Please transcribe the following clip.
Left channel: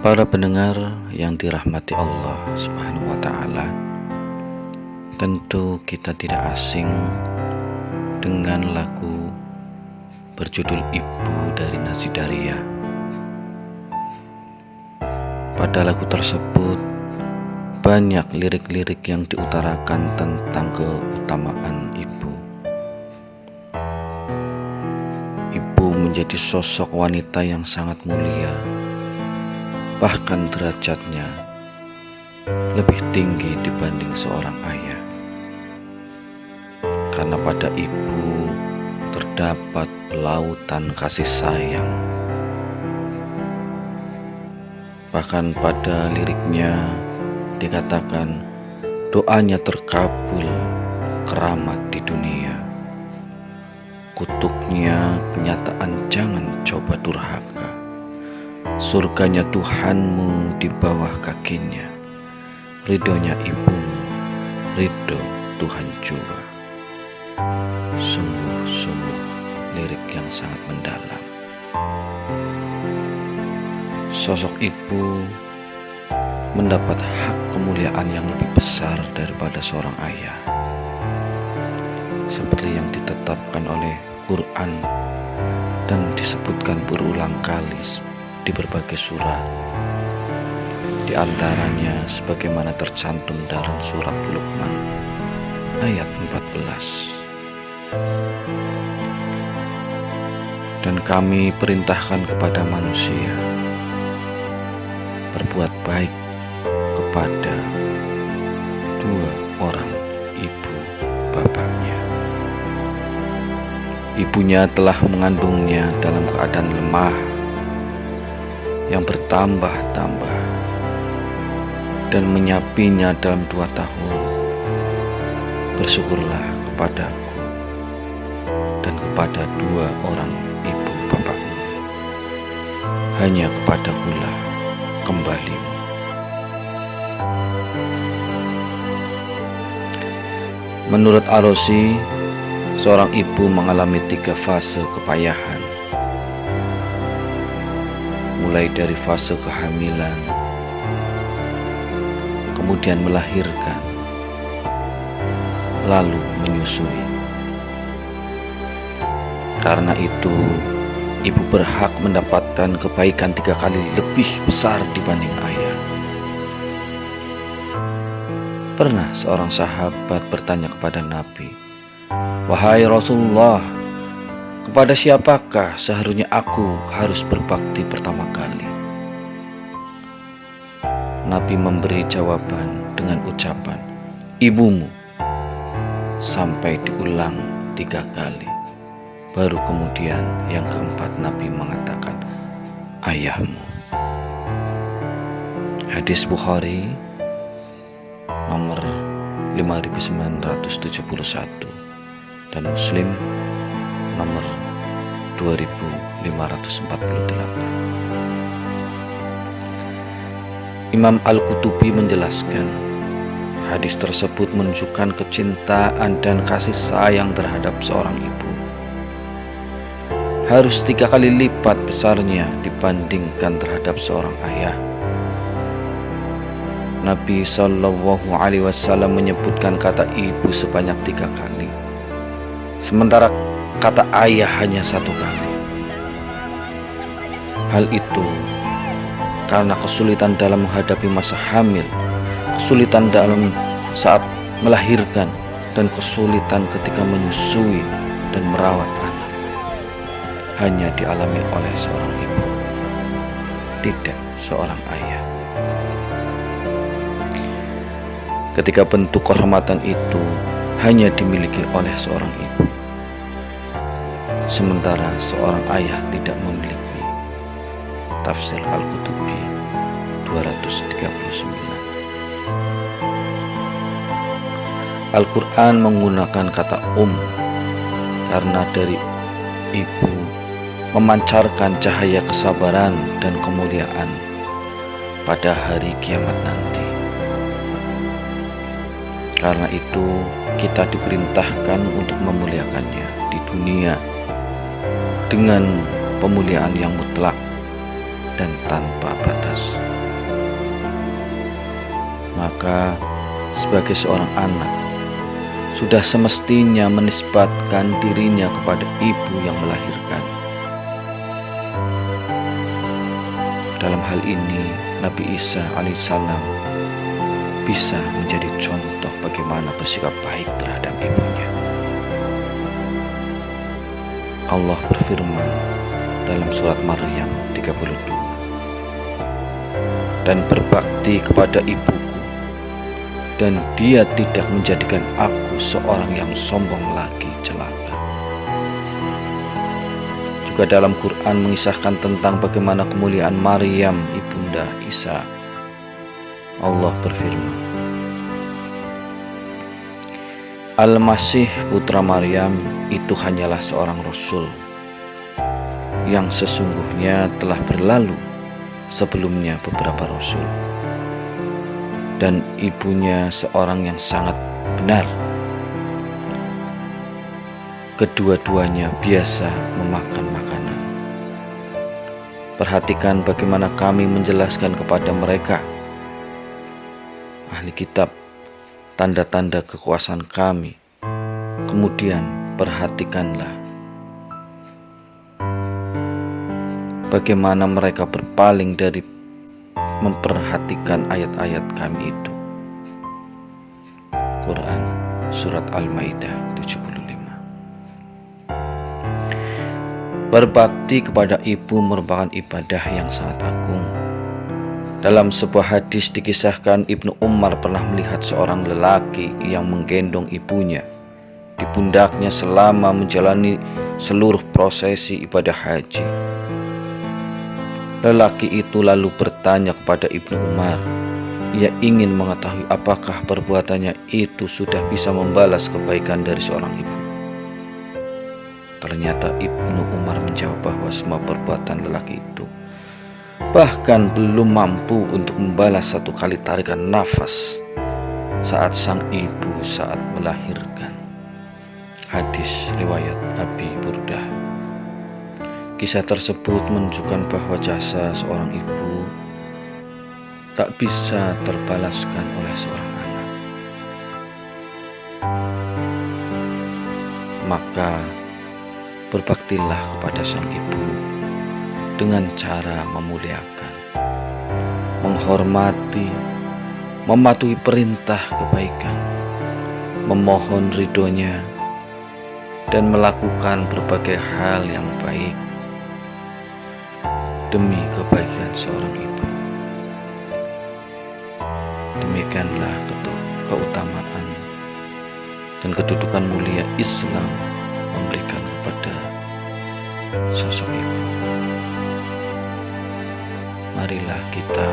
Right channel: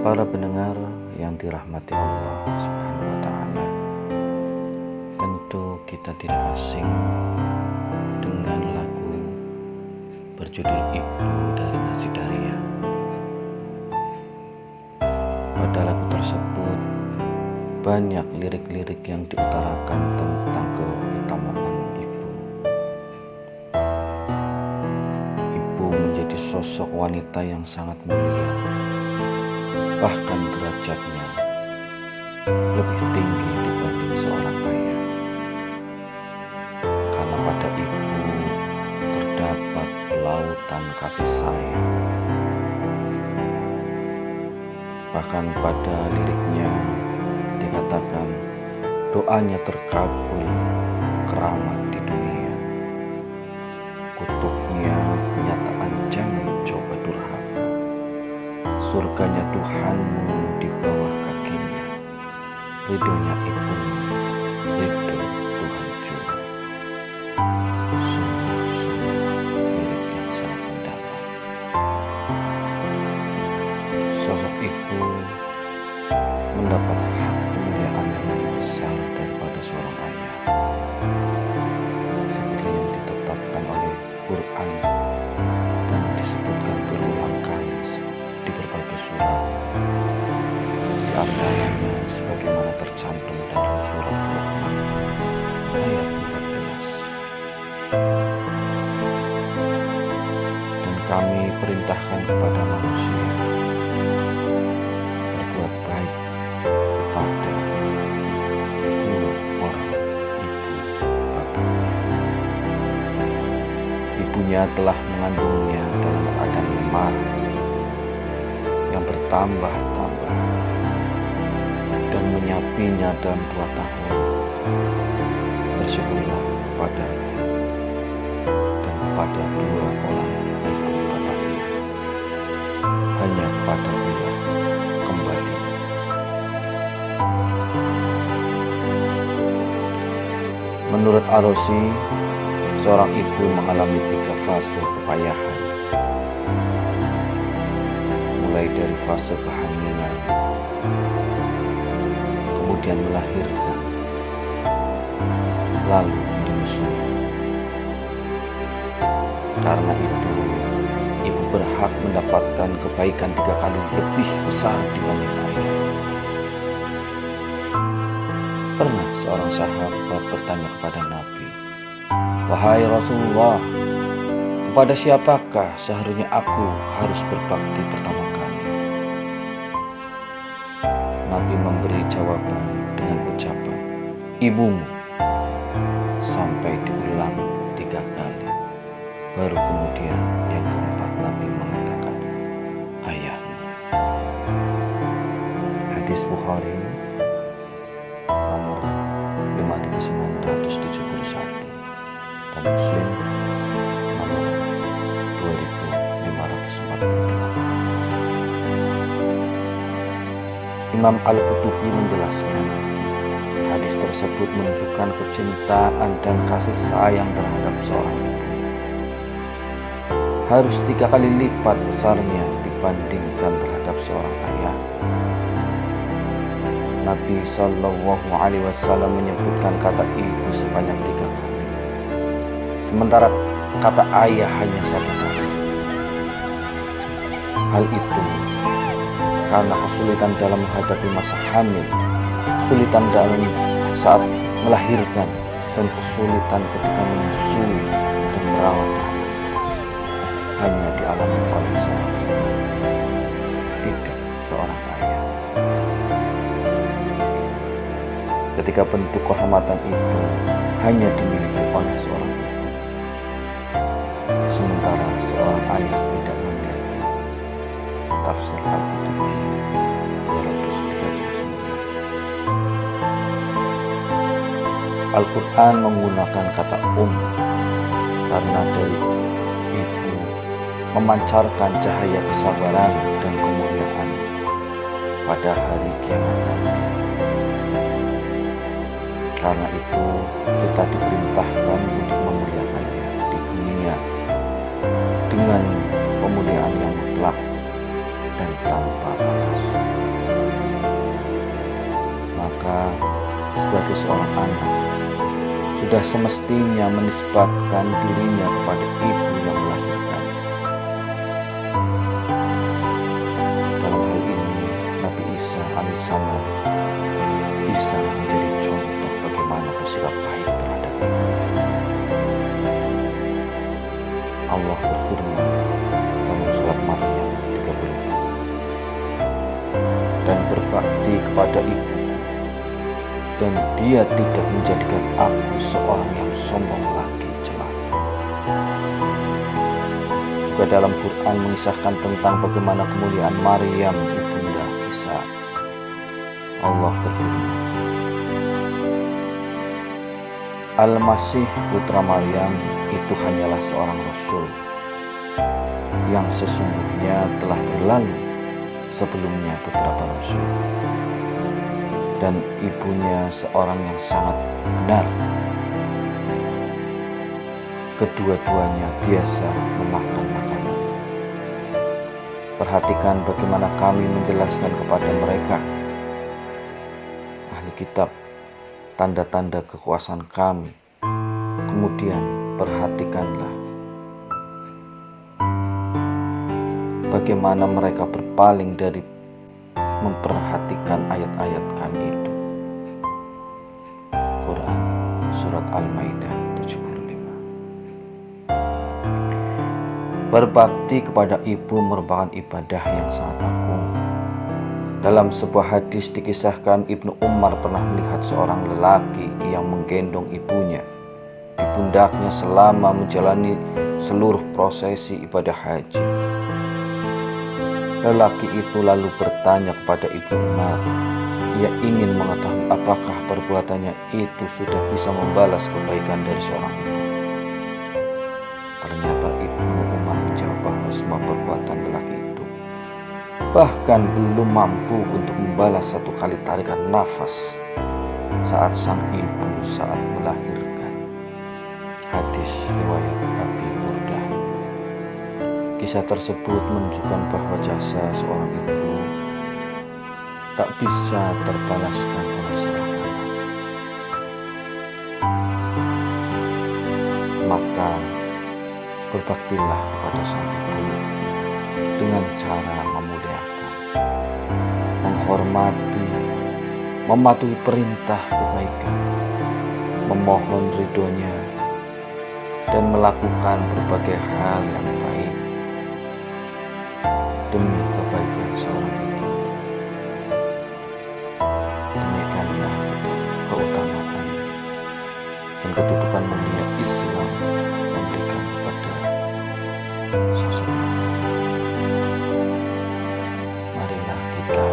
Para pendengar yang dirahmati Allah Subhanahu wa Ta'ala, tentu kita tidak asing dengan lagu berjudul Ibu dari Nasidaria. Pada lagu tersebut banyak lirik-lirik yang diutarakan tentang keutamaan ibu. Ibu menjadi sosok wanita yang sangat mulia, bahkan derajatnya lebih tinggi dibanding seorang ayah. Karena pada ibu terdapat lautan kasih sayang. Bahkan pada liriknya dikatakan doanya terkabul, keramat di dunia. Kutuknya kenyataan jangan coba durhaka. Surganya Tuhanmu di bawah kakinya. Ridhonya ibumu, ridho Tuhan jua. Sungguh-sungguh lirik yang sangat mendalam. Sosok ibu mendapat hak kemuliaan yang lebih besar daripada seorang ayah, seperti yang ditetapkan oleh Quran dan disebutkan berulang kali di berbagai surat. Di antaranya sebagaimana tercantum dalam surat Luqman ayat 14. Dan kami perintahkan kepada manusia berbuat baik kepada dua orang ibu bapaknya. Ibunya telah mengandungnya dalam keadaan lemah yang bertambah-tambah dan menyapinya dalam 2 tahun. Bersyukurlah kepadaku dan kepada 2 orang ibu bapakmu. Hanya kepadakulah kembali. Menurut Arosi, seorang ibu mengalami 3 fase kepayahan, mulai dari fase kehamilan, kemudian melahirkan, lalu menyusui. Karena itu, ibu berhak mendapatkan kebaikan 3 kali lebih besar dibanding ayah. Pernah seorang sahabat bertanya kepada Nabi, "Wahai Rasulullah, kepada siapakah seharusnya aku harus berbakti pertama kali?" Nabi memberi jawaban dengan ucapan, "Ibumu," sampai diulang 3 kali. Baru kemudian yang keempat Nabi mengatakan, "Ayahmu." Hadis Bukhari nomor 5971 dan Muslim nomor 2548. Imam Al-Qutubi menjelaskan, hadis tersebut menunjukkan kecintaan dan kasih sayang terhadap seorang ibu harus 3 kali lipat besarnya dibandingkan terhadap seorang ayah. Nabi Shallallahu Alaihi Wasallam menyebutkan kata ibu sebanyak 3 kali, sementara kata ayah hanya 1 kali. Hal itu karena kesulitan dalam menghadapi masa hamil, kesulitan dalam saat melahirkan, dan kesulitan ketika menyusui dan merawat anak hanya dialami oleh seorang ibu, tidak seorang ayah. Ketika bentuk kehormatan itu hanya dimiliki oleh seorang ibu, sementara seorang ayah tidak memiliki. Tafsir Al-Qutubi 239. Al-Quran menggunakan kata karena dari ibu memancarkan cahaya kesabaran dan kemuliaan pada hari kiamat nanti. Karena itu kita diperintahkan untuk memuliakannya di dunia dengan pemuliaan yang mutlak dan tanpa batas. Maka sebagai seorang anak, sudah semestinya menisbatkan dirinya kepada ibu yang melahirkan. Dalam hal ini, Nabi Isa alaihissalam bisa menjadi contoh bagaimana bersikap baik terhadap ibunya. Allah berfirman dalam surat Maryam 32, "Dan berbakti kepada ibuku, dan dia tidak menjadikan aku seorang yang sombong lagi celaka." Juga dalam Quran mengisahkan tentang bagaimana kemuliaan Maryam ibunda Isa. Allah berfirman, "Al-Masih putra Maryam itu hanyalah seorang rasul yang sesungguhnya telah berlalu sebelumnya beberapa rasul, dan ibunya seorang yang sangat benar. Kedua-duanya biasa memakan makanan." Perhatikan bagaimana kami menjelaskan kepada mereka, ahli kitab, tanda-tanda kekuasaan kami. Kemudian perhatikanlah bagaimana mereka berpaling dari memperhatikan ayat-ayat kami itu. Quran Surat Al-Maidah 75. Berbakti kepada ibu merupakan ibadah yang sangat agung. Dalam sebuah hadis dikisahkan Ibnu Umar pernah melihat seorang lelaki yang menggendong ibunya di pundaknya selama menjalani seluruh prosesi ibadah haji. Lelaki itu lalu bertanya kepada Ibnu Umar. Ia ingin mengetahui apakah perbuatannya itu sudah bisa membalas kebaikan dari seorang ibu. Ternyata Ibnu Umar menjawab bahwa semua perbuatan lelaki itu bahkan belum mampu untuk membalas satu kali tarikan nafas saat sang ibu saat melahirkan. Hadis riwayat Abi Burdah. Kisah tersebut menunjukkan bahwa jasa seorang ibu tak bisa terbalaskan oleh seorang anak. Maka berbaktilah kepada sang ibu dengan cara memuliakan, menghormati, mematuhi perintah kebaikan, memohon ridhonya, dan melakukan berbagai hal yang baik demi kebaikan seorang ibu. Demikianlah keutamaan dan kedudukan mulia Islam memberikan kepada sosok ibu. Marilah kita